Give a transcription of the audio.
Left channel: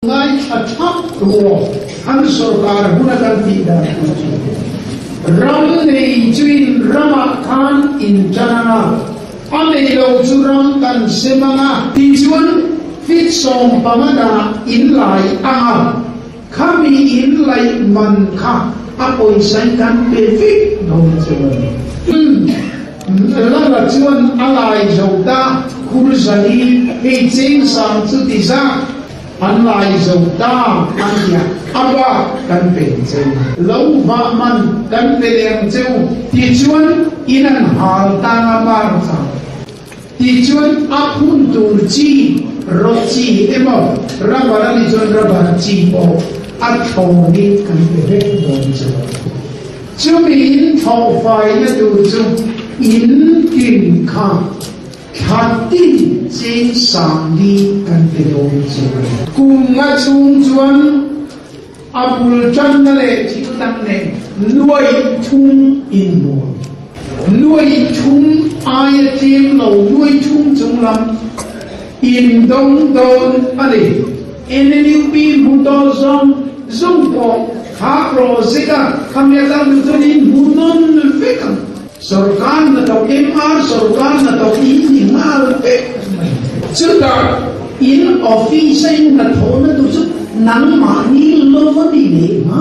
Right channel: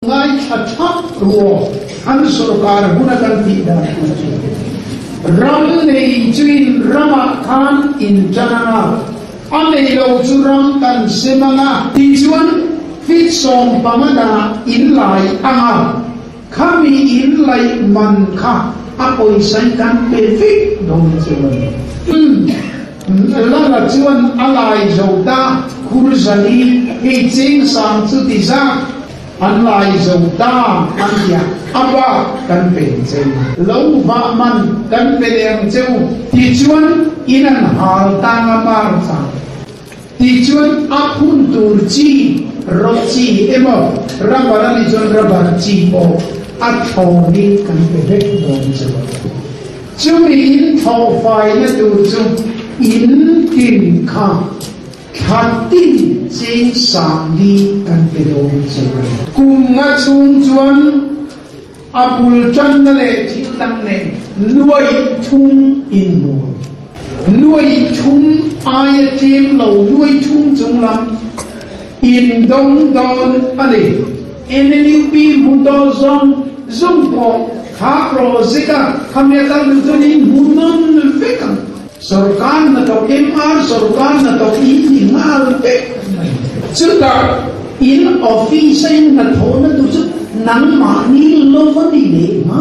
ngay thap ruo an sarkar hunakan ti da ram nei chuin rama khan in jananga ane lo churam kan semanga ti chuan fit som pamada in lai anga khami in lai man kha apoi sai kan pe fit dom chuan la chuan alai zauta kurzani he ching sang chu ti za an lai zauta an ya aba kan pe chen lo va man kan pe leng cheu ti chuan inan hal tanga mar cha ti chuan aphun tur chi ro chi emo rabara ni jon rabar chi bo a thoni kan pe he dom chu chumi in thau fai na tu chu in kin kha khati ching sang đi kan pe dom chu cùng nga chung chuan apul chan na le chi tang ne nuôi chung in mu nuôi chung ai tim lo nuôi chung chung lam in dong don ani eneni bi mu do zong zong po kha ro zika khamya tan tu ni mu non vekan sarkar na to MR sarkar na to in mal pe chuta in office na thona tu chu nang ma ni lo ni le ma